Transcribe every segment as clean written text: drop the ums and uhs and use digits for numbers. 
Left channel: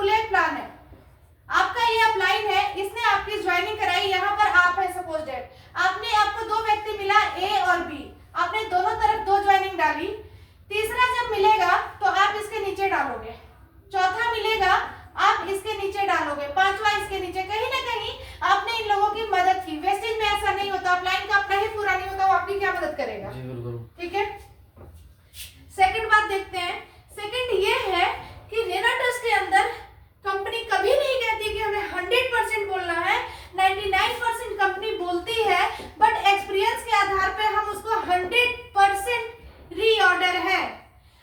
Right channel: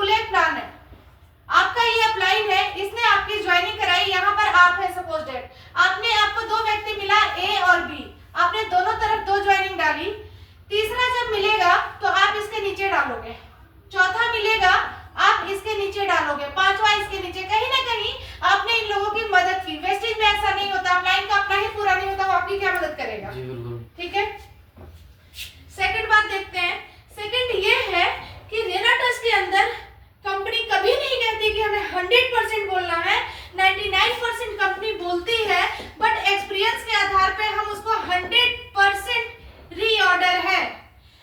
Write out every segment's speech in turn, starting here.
To leg plan है, आपका ये अपलाइन है, इसने आपकी ज्वाइनिंग कराई, यहाँ पर आप है सपोज डेट, आपको दो व्यक्ति मिला ए और बी, आपने दोनों तरफ दो ज्वाइनिंग डाली, तीसरा जब मिलेगा तो आप इसके नीचे डालोगे, चौथा मिलेगा आप इसके नीचे डालोगे, पांचवा इसके नीचे, कहीं ना कहीं आपने इन लोगों की मदद की। वेस्टेज में ऐसा नहीं होता, अपलाइन का अपना ही पूरा नहीं होता, वो आपकी क्या मदद करेगा? जी बिल्कुल। ठीक है, सेकंड बात देखते हैं। सेकंड ये है कि रेनाटस के अंदर कंपनी कभी नहीं कहती कि हमें 100% बोलना है, 99% कंपनी बोलती है, बट एक्सपीरियंस के आधार पे हम उसको 100% रीऑर्डर है।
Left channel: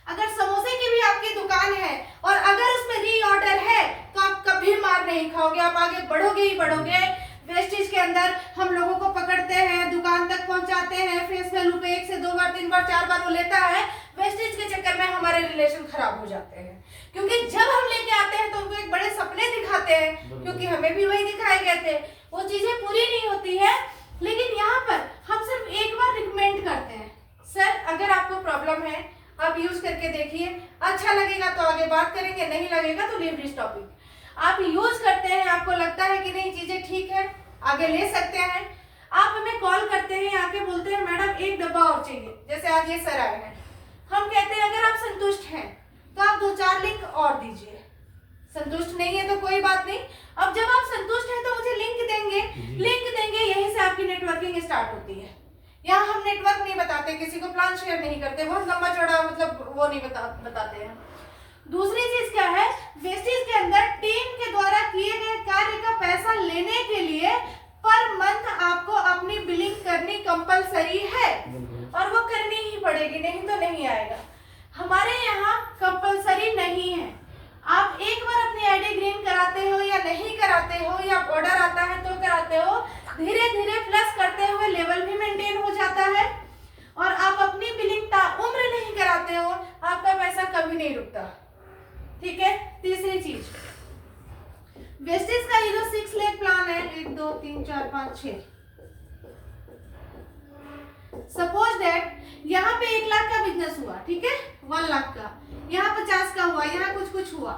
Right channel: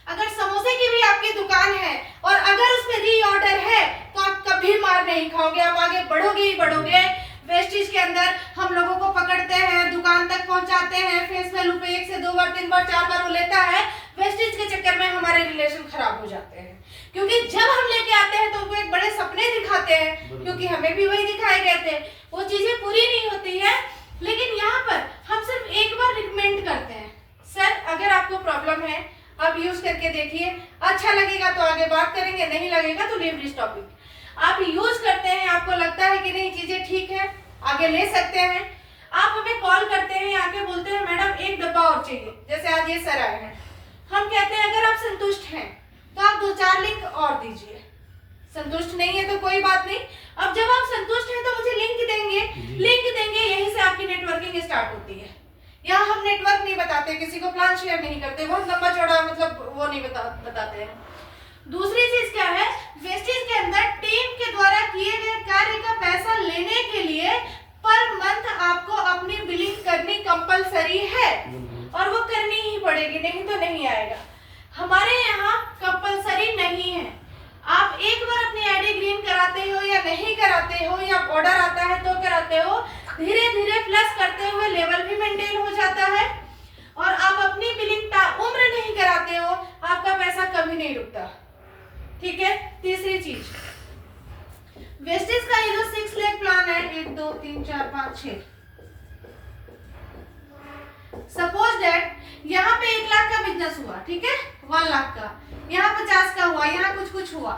अगर समोसे की भी आपकी दुकान है और अगर उसमें रीऑर्डर है तो आप कभी मार नहीं खाओगे, आप आगे बढ़ोगे ही बढ़ोगे। वेस्टेज के अंदर हम लोगों को पकड़ते हैं, दुकान तक पहुंचाते हैं, फेस वैल्यू पे 1 से 2 बार 3 बार 4 बार वो लेता है, वेस्टेज के चक्कर में हमारे रिलेशन खराब हो जाते हैं। क्योंकि जब हम लेके आते हैं तो उनको एक बड़े सपने दिखाते हैं, क्योंकि हमें भी वही दिखाए गए थे, वो चीजें पूरी नहीं होती है। लेकिन यहाँ पर हम सिर्फ एक बार रिकमेंड करते हैं, सर अगर आपको प्रॉब्लम है आप यूज करके देखिए, अच्छा लगेगा तो आगे बात करेंगे, नहीं लगेगा तो लीव दिस टॉपिक। आप यूज करते हैं, आपको लगता है कि नहीं चीजें ठीक है, आगे ले सकते हैं, आप हमें कॉल करते हैं, आके बोलते हैं मैडम एक डब्बा और चाहिए, जैसे आज ये सर आए हैं, हम कहते हैं अगर आप संतुष्ट हैं तो आप 2-4 लिंक और दीजिए, संतुष्ट नहीं है तो कोई बात नहीं। अब जब आप संतुष्ट हैं तो मुझे लिंक देंगे, यहीं से आपकी नेटवर्किंग स्टार्ट होती है। यहाँ हम नेटवर्क नहीं बताते, किसी को प्लान शेयर नहीं करते, बहुत लंबा चौड़ा मतलब वो नहीं बताते हैं। दूसरी चीज क्या है, वेस्टेज के अंदर टीम के द्वारा किए गए कार्य का पैसा लेने के लिए पर मंथ आपको अपनी बिलिंग करनी कंपलसरी है और वो करनी ही पड़ेगी, नहीं तो नहीं आएगा। हमारे यहाँ कंपलसरी नहीं है, आप एक बार अपनी आईडी ग्रीन कराते हो या नहीं कराते हो, या ऑर्डर आता है तो कराते हो, धीरे धीरे प्लस करते हुए लेवल भी मेंटेन हो जाता है और आप अपनी बिलिंग उम्र नहीं कराते हो, आपका पैसा कभी नहीं रुकता। ठीक है, तीसरी चीज वेस्टेज का ये जो 6 लेग प्लान है, 1 2 3 4 5 6, सपोज दैट यहाँ पे 1 लाख का बिजनेस हुआ, ठीक है, 1 लाख का, यहाँ 50 का हुआ, यहाँ कुछ हुआ,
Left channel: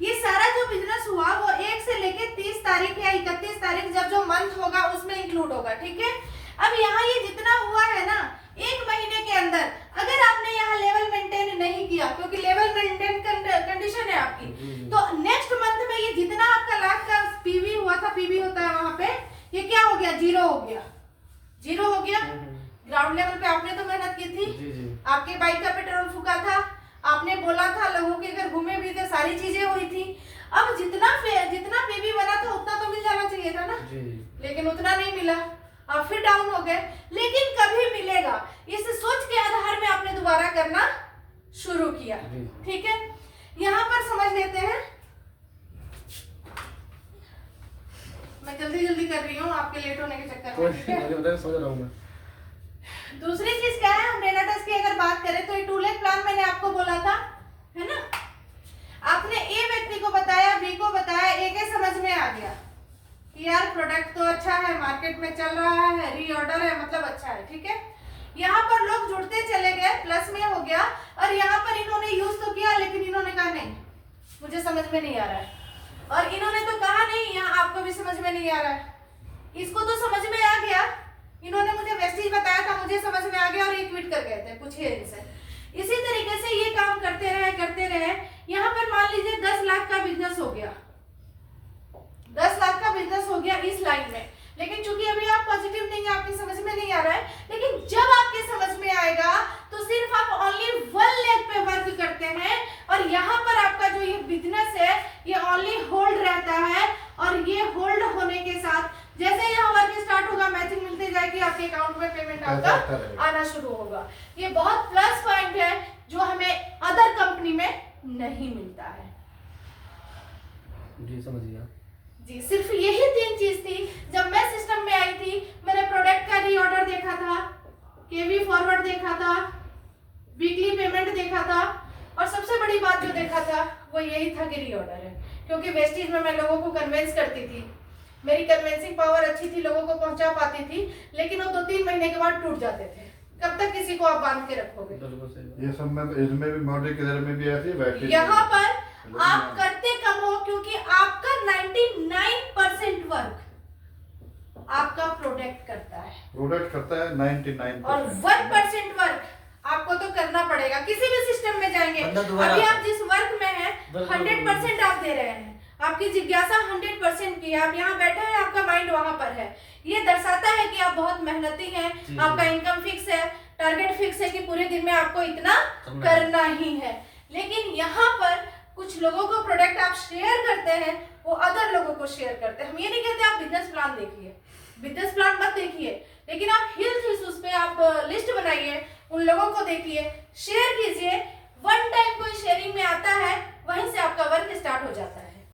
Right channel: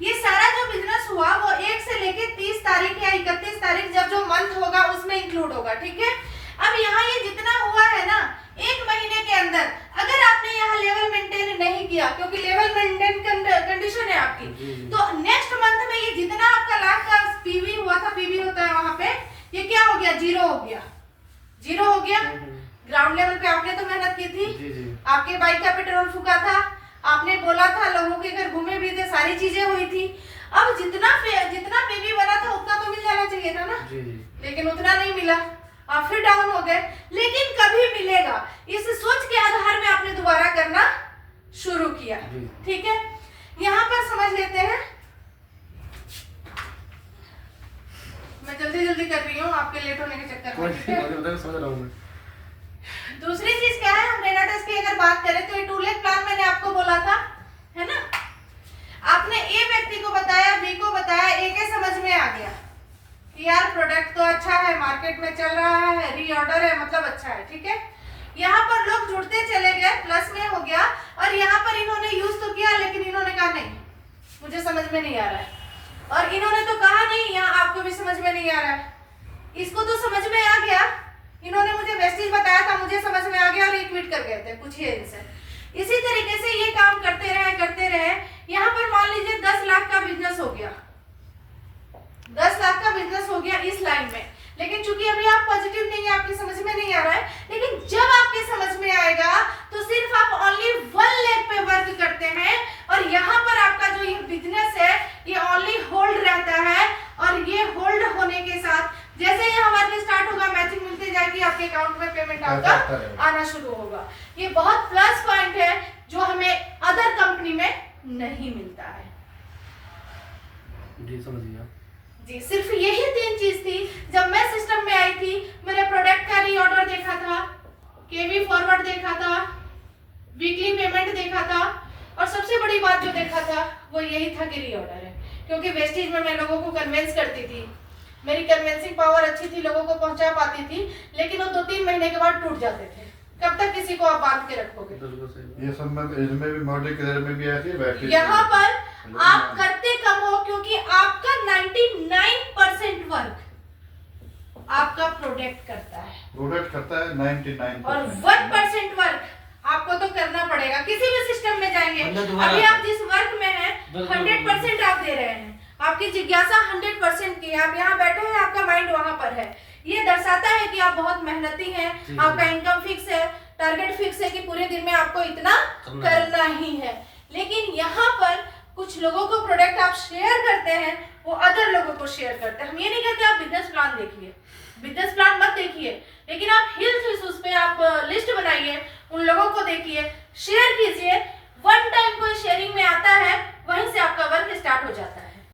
ये सारा जो बिजनेस हुआ वो 1 से लेके 30 तारीख या 31 तारीख जब जो मंथ होगा उसमें इंक्लूड होगा। ठीक है, अब यहाँ ये जितना हुआ है ना 1 महीने के अंदर, अगर आपने यहाँ लेवल मेंटेन नहीं किया, क्योंकि लेवल मेंटेन कंडीशन है आपकी, तो नेक्स्ट मंथ में ये जितना आपका लाख का पीवी हुआ था, पीवी होता है वहां पे, ये क्या हो गया, जीरो हो गया, जीरो हो गया। ग्राउंड लेवल पे आपने तो मेहनत की थी, आपके बाइक का पेट्रोल फूका था, आपने बोला था, लोगों के घर घूमे भी थे, सारी चीजें हुई थी। अब जितना पीवी बना था उतना तो मिल जाना चाहिए था ना, लेकिन उतना नहीं मिला, आप फिर डाउन हो गए। लेकिन कभी मिलेगा, इस सोच के आधार में आपने दोबारा करना शुरू किया। ठीक है, यहाँ पर समझ लेते हैं, मैं जल्दी कर रही हूँ आपके लेट होने के चक्कर में। समझ रहा हूँ मैं। दूसरी चीज क्या है, हम रेनाटस की अगर बात करें तो ये 2 लेग प्लान मैंने आपको बोला था, है ना, आपने ए व्यक्ति को बताया, बी को बताया, ए के समझ में आ गया कि यार प्रोडक्ट तो अच्छा है, मार्केट में चल रहा है, रीऑर्डर है, मतलब अच्छा है। ठीक है, यहाँ पर लोग जुड़ते चले गए, प्लस में हो गया, और यहाँ पर इन्होंने यूज तो किया, लेकिन इन्होंने कहा नहीं मुझे समझ में नहीं आ रहा है, और इन्होंने तो कहा नहीं, यहाँ आपको भी समझ में नहीं आ रहा है, इसको तो समझ में आ गया, इन्होंने मुझे वेस्टेज बताया था, मुझे समझ में आ गया और ये ट्वीट कर गए थे, पूछिए इनसे। इसी तरीके से ये काम करते रहे। यहाँ पर मान लीजिए 10 लाख का बिजनेस हो गया, 10 लाख का बिजनेस हो गया इस लाइन में, लेकिन चूंकि अभी आप पॉजिटिव नहीं है, आपकी समझ में नहीं आ रहा है, लेकिन जब आपके समझ में आएगा तो सिर्फ आप ओनली 1 लेग पे वर्क करते हैं, और यहाँ पर आपका जो ये बिजनेस है ये ओनली होल्ड रहता है, और ये होल्ड होने के साथ जैसे यहाँ वर्क स्टार्ट होगा, मैचिंग मिलते जाएगी, आपके अकाउंट में पेमेंट आपका आना शुरू होगा। ये बहुत प्लस पॉइंट है जो हमें अदर कंपनी में नहीं मिलता है। जी समझ गया जी, सिर्फ यही 3 चीज थी। जब मैं सिस्टम में आई थी, मैंने प्रोडक्ट का रीऑर्डर देखा था, केवी फॉरवर्ड देखा था, वीकली पेमेंट देखा था, और सबसे बड़ी बात जो देखा था वो यही था कि रीऑर्डर है, क्योंकि वेस्टेज में मैं लोगों को कन्विंस करती थी, मेरी कन्विंसिंग पावर अच्छी थी, लोगों को पहुंचा पाती थी, लेकिन वो 2-3 महीने के बाद टूट जाते थे। कब तक किसी को आप बांध के रखोगे? ये सब में इसमें भी मॉडल के में भी ऐसी है, यहाँ पर आप करते कम हो, क्योंकि प्रोडक्ट करता है, 99%। और 1% वर्क आपको तो करना पड़ेगा। किसी भी सिस्टम में जाएंगे, अभी आप जिस वर्क में हैं 100% आप दे रहे हैं, आपकी जिज्ञासा 100% की है, आप यहाँ बैठे हैं, आपका माइंड वहां पर है, ये दर्शाता है कि आप बहुत मेहनती हैं, आपका इनकम फिक्स है, टारगेट फिक्स है कि पूरे दिन में आपको इतना करना ही है। लेकिन यहाँ पर कुछ लोगों को प्रोडक्ट आप शेयर करते हैं, वो अदर लोगों को शेयर करते हैं। हम ये नहीं कहते आप बिजनेस प्लान देखिए, बिजनेस प्लान मत देखिए, लेकिन आप हेल्थ इश्यूज पे आप लिस्ट बनाइए, उन लोगों को देखिए, शेयर कीजिए। वन टाइम कोई शेयरिंग में आता है, वहीं से आपका वर्क स्टार्ट हो जाता है।